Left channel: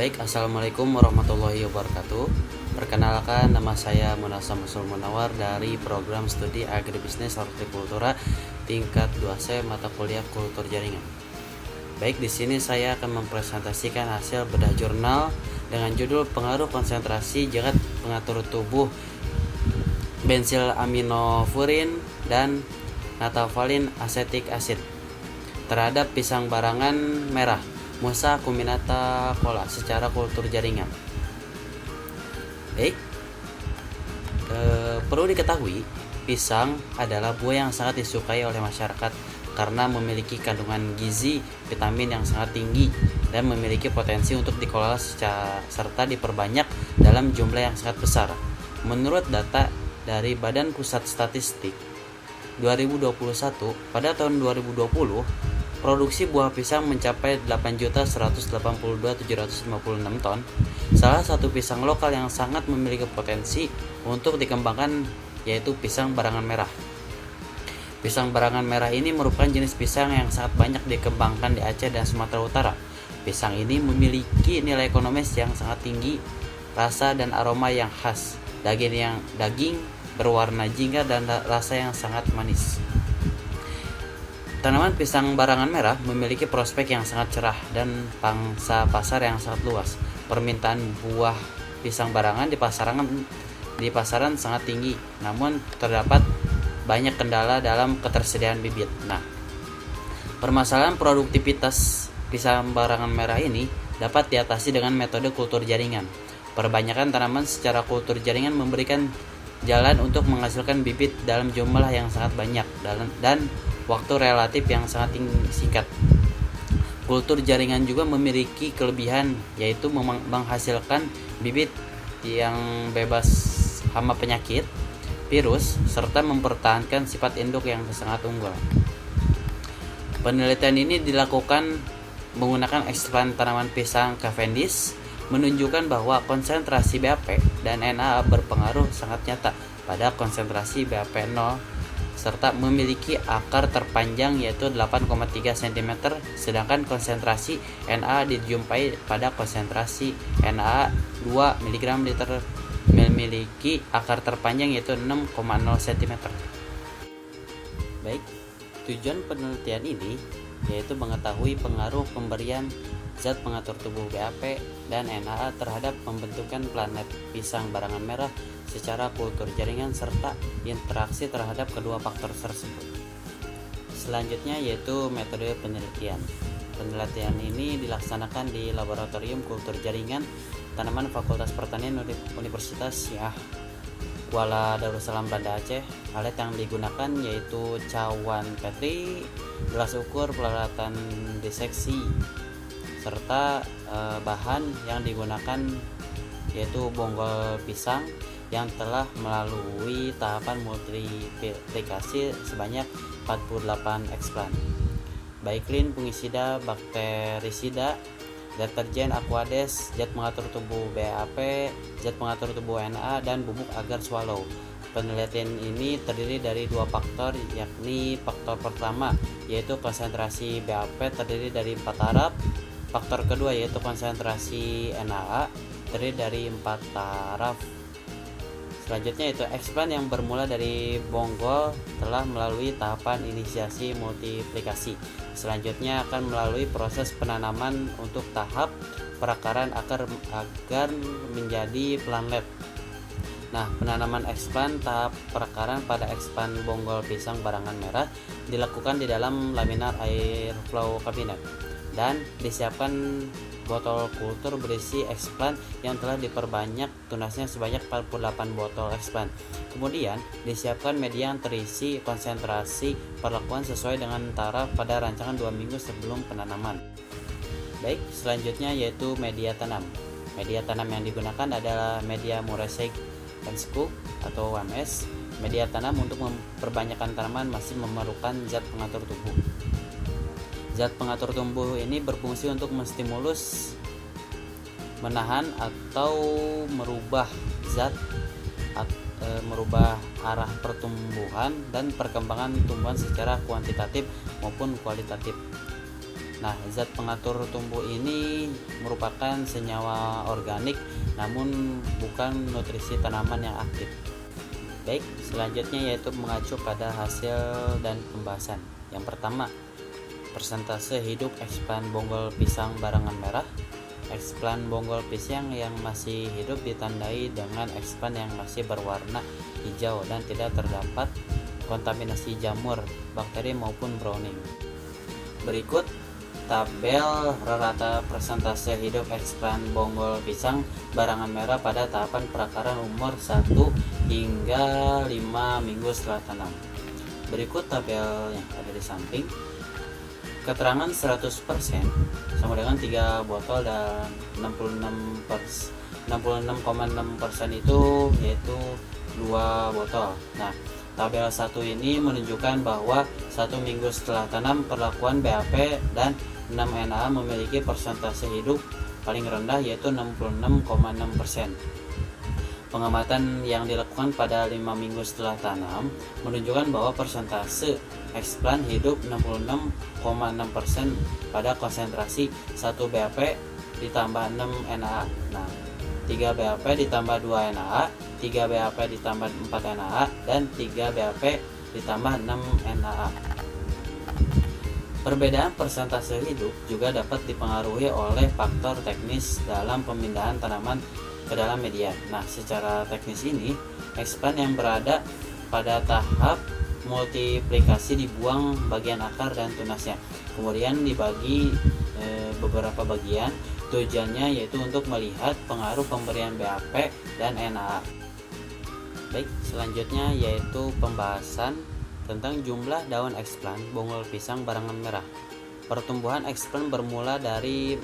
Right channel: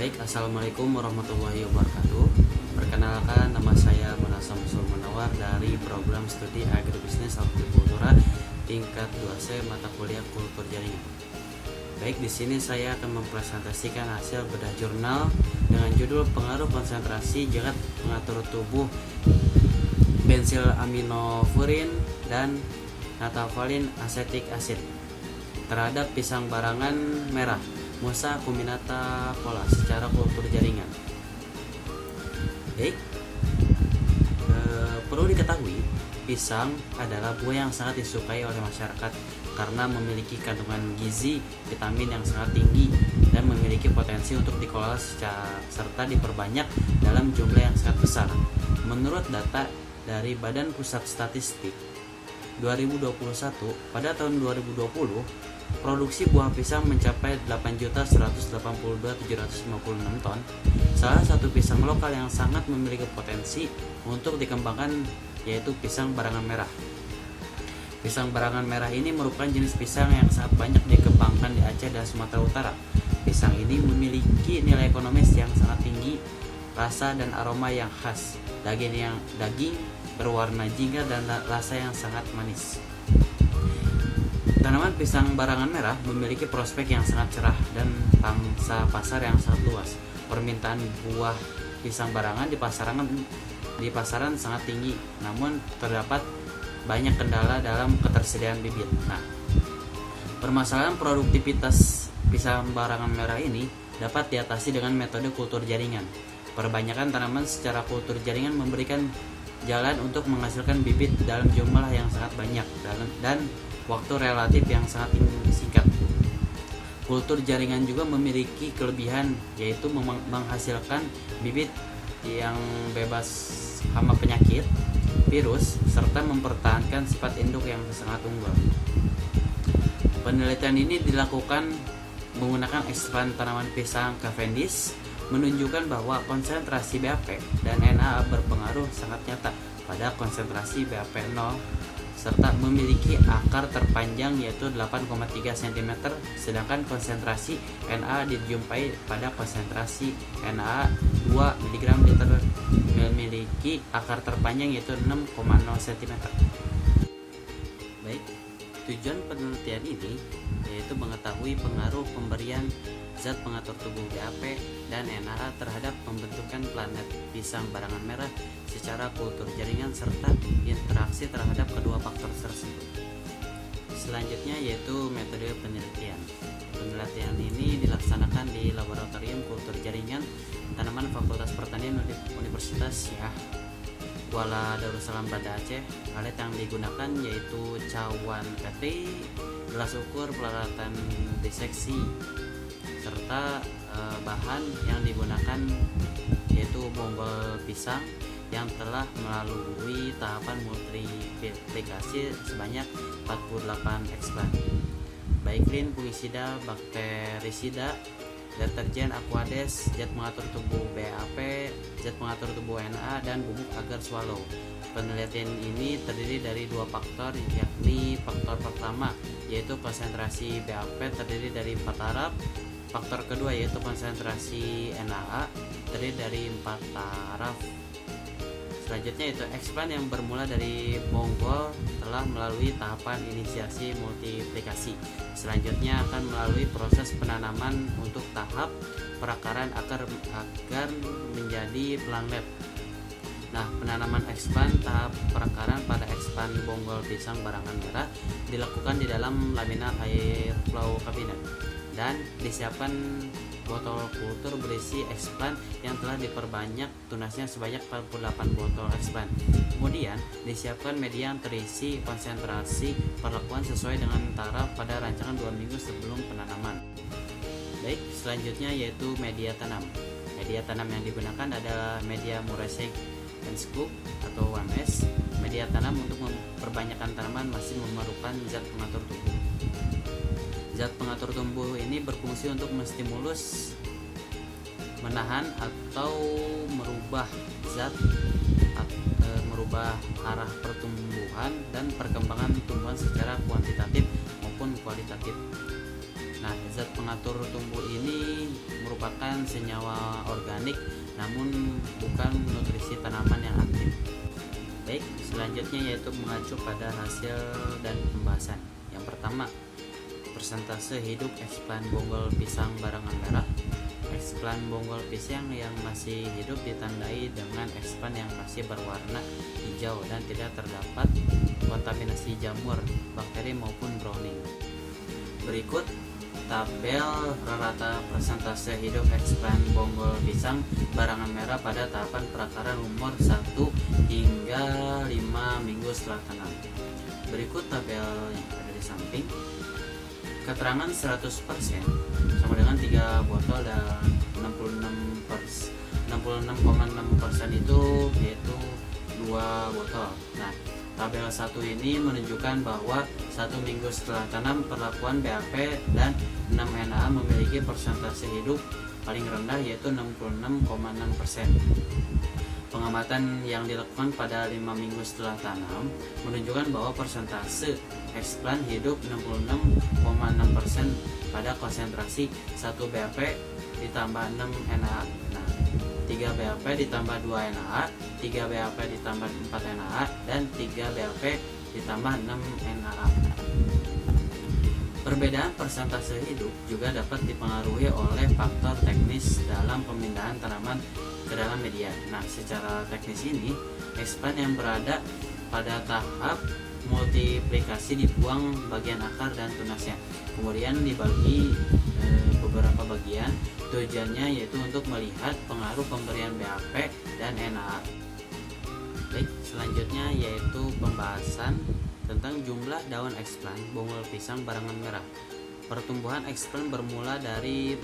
Baik, assalamualaikum warahmatullahi wabarakatuh. Perkenalkan, nama saya Munasa Musul Munawar dari program studi Agribisnis Hortikultura tingkat 2C mata kuliah Kultur Jaringan. Baik, di sini saya akan mempresentasikan hasil bedah jurnal dengan judul Pengaruh konsentrasi zat pengatur tubuh bensil aminofurin dan natafalin asetik asid terhadap pisang barangan merah Musa acuminata cola secara kultur jaringan. Baik, perlu diketahui pisang adalah buah yang sangat disukai oleh masyarakat karena memiliki kandungan gizi, vitamin yang sangat tinggi dan memiliki potensi untuk dikelola serta diperbanyak dalam jumlah yang sangat besar. Menurut data dari Badan Pusat Statistik 2021, pada tahun 2020 produksi buah pisang mencapai 8.182.756 ton. Salah satu pisang lokal yang sangat memiliki potensi untuk dikembangkan yaitu pisang barangan merah. Pisang barangan merah ini merupakan jenis pisang yang sangat banyak dikembangkan di Aceh dan Sumatera Utara. Pisang ini memiliki nilai ekonomis yang sangat tinggi, rasa dan aroma yang khas, daging berwarna jingga dan rasa yang sangat manis. Tanaman pisang barangan merah memiliki prospek yang sangat cerah dan pangsa pasar yang sangat luas. Permintaan buah pisang barangan di pasaran sangat tinggi, namun terdapat banyak kendala dalam ketersediaan bibit. Nah, permasalahan produktivitas pisang barangan merah ini dapat diatasi dengan metode kultur jaringan. Perbanyakan tanaman secara kultur jaringan memberikan jalan untuk menghasilkan bibit dalam jumlah yang sangat banyak dan waktu relatif yang sangat singkat. Kultur jaringan juga memiliki kelebihan, yaitu menghasilkan bibit yang bebas hama penyakit, virus, serta mempertahankan sifat induk yang sangat unggul. Penelitian ini dilakukan menggunakan eksplan tanaman pisang Cavendish, menunjukkan bahwa konsentrasi BAP dan NA berpengaruh sangat nyata pada konsentrasi BAP 0 serta memiliki akar terpanjang yaitu 8,3 cm, sedangkan konsentrasi Na dijumpai pada konsentrasi Na 2 mg liter memiliki akar terpanjang yaitu 6,0 cm. Baik, tujuan penelitian ini yaitu mengetahui pengaruh pemberian zat pengatur tubuh BAP dan NA terhadap pembentukan planet pisang barangan merah secara kultur jaringan serta interaksi terhadap kedua faktor tersebut. Selanjutnya yaitu metode penelitian. Penelitian ini dilaksanakan di Laboratorium Kultur Jaringan Tanaman Fakultas Pertanian Universitas Syah Kuala Darussalam Banda Aceh. Alat yang digunakan yaitu cawan petri, gelas ukur, peralatan diseksi, serta bahan yang digunakan yaitu bonggol pisang yang telah melalui tahapan multiplikasi sebanyak 48 eksplan, baiklin, fungisida, bakterisida, deterjen, aquades, zat pengatur tubuh BAP, zat pengatur tubuh NA, dan bubuk agar swallow. Penelitian ini terdiri dari dua faktor, yakni faktor pertama yaitu konsentrasi BAP terdiri dari 4 taraf. Faktor kedua yaitu konsentrasi NaA terdiri dari 4 taraf. Selanjutnya yaitu eksplan yang bermula dari bonggol telah melalui tahapan inisiasi multiplikasi. Selanjutnya akan melalui proses penanaman untuk tahap perakaran akar agar menjadi planlet. Nah, penanaman eksplan tahap perakaran pada eksplan bonggol pisang barangan merah dilakukan di dalam laminar air flow kabinet dan disiapkan botol kultur berisi eksplan yang telah diperbanyak tunasnya sebanyak 48 botol eksplan. Kemudian disiapkan media yang terisi konsentrasi perlakuan sesuai dengan taraf pada rancangan 2 minggu sebelum penanaman. Baik, selanjutnya yaitu media tanam. Media tanam yang digunakan adalah media Murray and Cook atau MS. Media tanam untuk memperbanyakkan tanaman masih memerlukan zat pengatur tubuh. Zat pengatur tumbuh ini berfungsi untuk menstimulus, menahan atau merubah merubah arah pertumbuhan dan perkembangan tumbuhan secara kuantitatif maupun kualitatif. Nah, zat pengatur tumbuh ini merupakan senyawa organik namun bukan nutrisi tanaman yang aktif. Baik, selanjutnya yaitu mengacu pada hasil dan pembahasan. Yang pertama, persentase hidup eksplan bonggol pisang barangan merah. Eksplan bonggol pisang yang masih hidup ditandai dengan eksplan yang masih berwarna hijau dan tidak terdapat kontaminasi jamur, bakteri maupun browning. Berikut tabel rata persentase hidup eksplan bonggol pisang barangan merah pada tahapan perakaran umur 1 hingga 5 minggu setelah tanam. Berikut tabel yang ada di samping. Keterangan 100% sama dengan 3 botol dan 66,6% itu yaitu 2 botol. Nah, tabel 1 ini menunjukkan bahwa 1 minggu setelah tanam perlakuan BAP dan 6NA memiliki persentase hidup paling rendah yaitu 66,6%. Pengamatan yang dilakukan pada 5 minggu setelah tanam menunjukkan bahwa persentase eksplan hidup 66,6% pada konsentrasi 1 BAP ditambah 6 NaA. Nah, 3 BAP ditambah 2 NaA, 3 BAP ditambah 4 NaA, dan 3 BAP ditambah 6 NaA. Perbedaan persentase hidup juga dapat dipengaruhi oleh faktor teknis dalam pemindahan tanaman ke dalam media. Nah, secara teknis ini, eksplan yang berada pada tahap multiplikasi dibuang bagian akar dan tunasnya, kemudian dibagi beberapa bagian. Tujuannya yaitu untuk melihat pengaruh pemberian BAP dan NaA. Baik, selanjutnya yaitu pembahasan tentang jumlah daun eksplan bonggol pisang barangan merah. Pertumbuhan eksplan bermula dari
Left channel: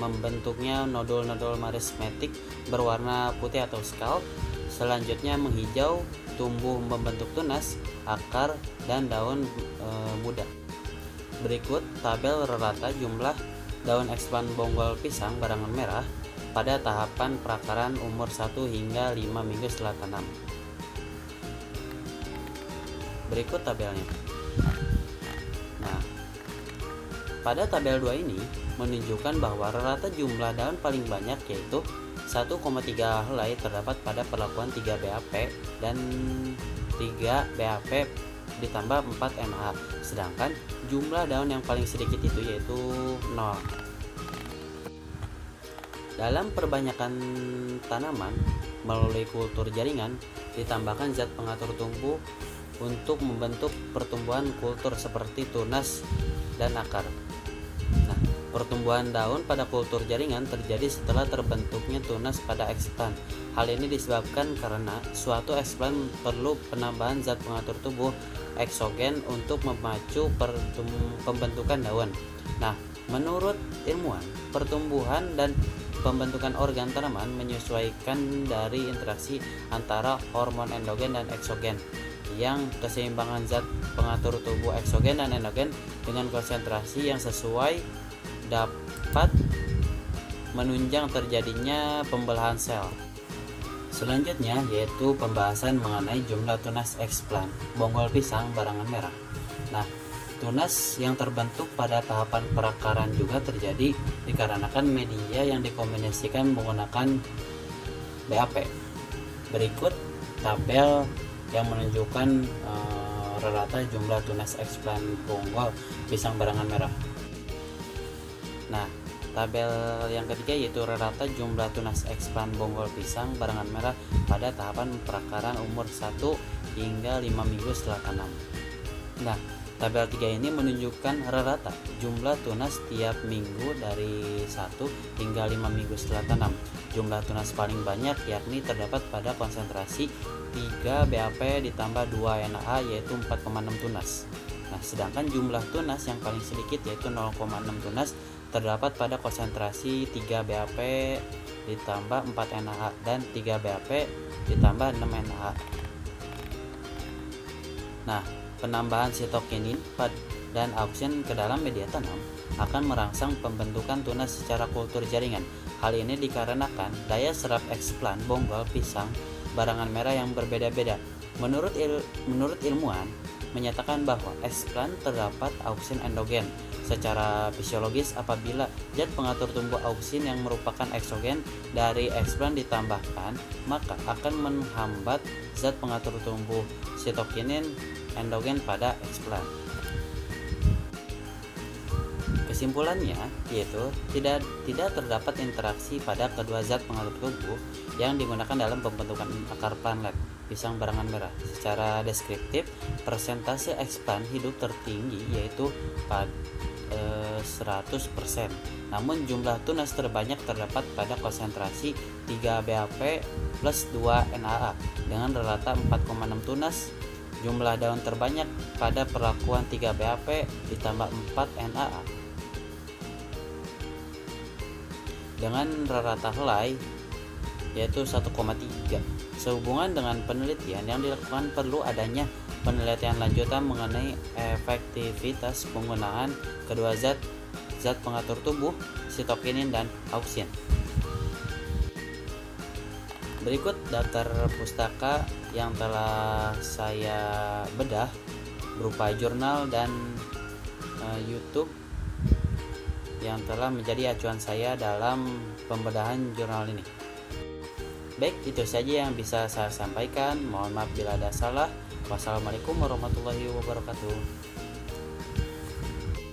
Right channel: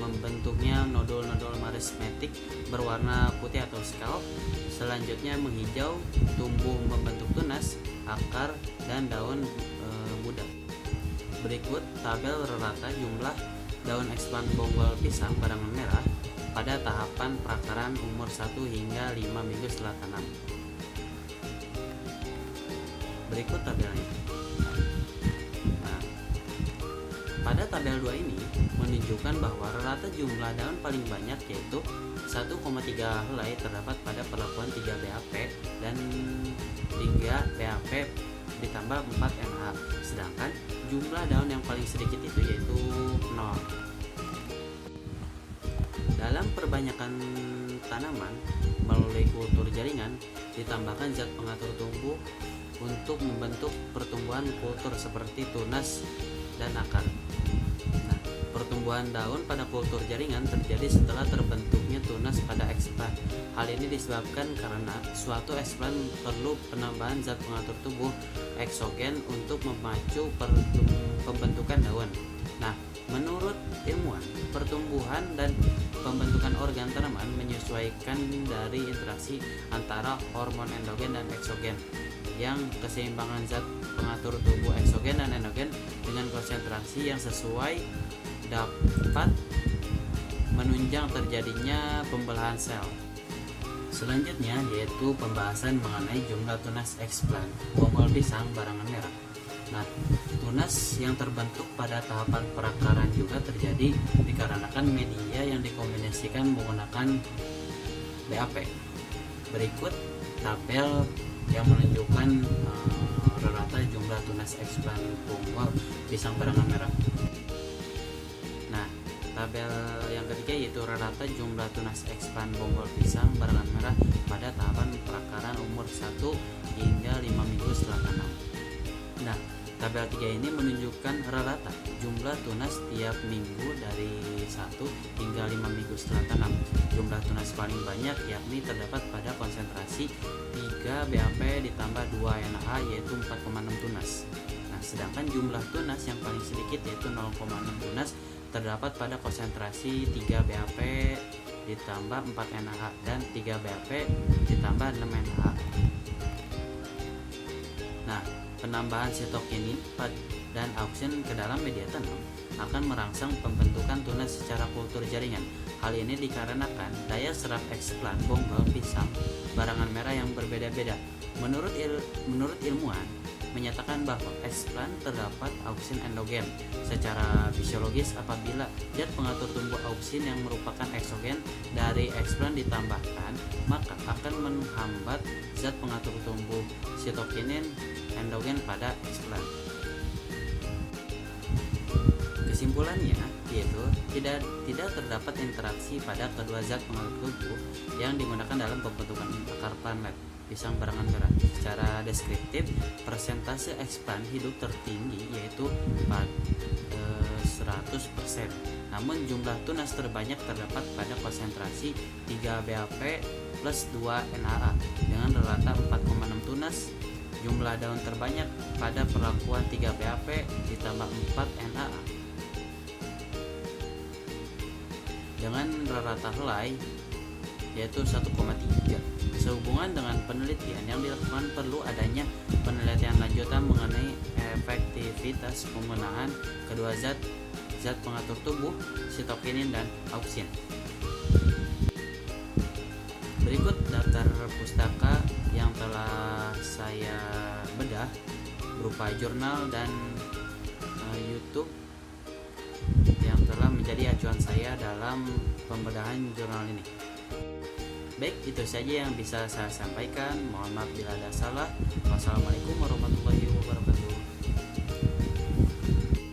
membentuknya nodul-nodul merismatik berwarna putih atau scalp, selanjutnya menghijau, tumbuh membentuk tunas, akar, dan daun muda. Berikut tabel rata jumlah daun eksplan bonggol pisang barangan merah pada tahapan perakaran umur 1 hingga 5 minggu setelah tanam. Berikut tabelnya. Nah, pada tabel 2 ini menunjukkan bahwa rata jumlah daun paling banyak yaitu 1,3 helai terdapat pada perlakuan 3 BAP dan 3 BAP ditambah 4 NaA, sedangkan jumlah daun yang paling sedikit itu yaitu 0. Dalam perbanyakan tanaman melalui kultur jaringan ditambahkan zat pengatur tumbuh untuk membentuk pertumbuhan kultur seperti tunas dan akar. Nah, pertumbuhan daun pada kultur jaringan terjadi setelah terbentuknya tunas pada eksplan. Hal ini disebabkan karena suatu eksplan perlu penambahan zat pengatur tubuh eksogen untuk memacu pembentukan daun. Nah, menurut ilmuwan, pertumbuhan dan pembentukan organ tanaman menyesuaikan dari interaksi antara hormon endogen dan eksogen, yang keseimbangan zat pengatur tubuh eksogen dan endogen dengan konsentrasi yang sesuai dapat menunjang terjadinya pembelahan sel. Selanjutnya yaitu pembahasan mengenai jumlah tunas eksplan bonggol pisang barangan merah. Nah, tunas yang terbentuk pada tahapan perakaran juga terjadi dikarenakan media yang dikombinasikan menggunakan BAP. Berikut tabel yang menunjukkan rata jumlah tunas eksplan bonggol pisang barangan merah. Nah, tabel yang ketiga yaitu rata jumlah tunas eksplan bonggol pisang barangan merah pada tahapan perakaran umur 1 hingga 5 minggu setelah tanam. Nah, tabel 3 ini menunjukkan rata jumlah tunas tiap minggu dari 1 hingga 5 minggu setelah tanam. Jumlah tunas paling banyak yakni terdapat pada konsentrasi 3 BAP ditambah 2 NaA yaitu 4,6 tunas. Nah, sedangkan jumlah tunas yang paling sedikit yaitu 0,6 tunas terdapat pada konsentrasi 3 BAP ditambah 4 NaA dan 3 BAP ditambah 6 NaA. Nah, penambahan sitokinin dan auksin ke dalam media tanam akan merangsang pembentukan tunas secara kultur jaringan. Hal ini dikarenakan daya serap eksplan bonggol pisang barangan merah yang berbeda-beda. Menurut ilmuwan, menyatakan bahwa eksplan terdapat auksin endogen. Secara fisiologis, apabila zat pengatur tumbuh auksin yang merupakan eksogen dari eksplan ditambahkan, maka akan menghambat zat pengatur tumbuh sitokinin endogen pada eksplan. Kesimpulannya yaitu tidak terdapat interaksi pada kedua zat pengatur tubuh yang digunakan dalam pembentukan akar planet pisang barangan merah. Secara deskriptif, persentase eksplan hidup tertinggi yaitu 100%. Namun jumlah tunas terbanyak terdapat pada konsentrasi 3 BAP plus 2 NAA dengan rata 4,6 tunas. Jumlah daun terbanyak pada perlakuan 3 BAP ditambah 4 NAA. Dengan rata helai yaitu 1,3. Sehubungan dengan penelitian yang dilakukan, perlu adanya penelitian lanjutan mengenai efektivitas penggunaan kedua zat pengatur tubuh, sitokinin dan auksin. Berikut daftar pustaka yang telah saya bedah berupa jurnal dan YouTube yang telah menjadi acuan saya dalam pembedahan jurnal ini. Baik, itu saja yang bisa saya sampaikan. Mohon maaf bila ada salah. Wassalamualaikum warahmatullahi wabarakatuh.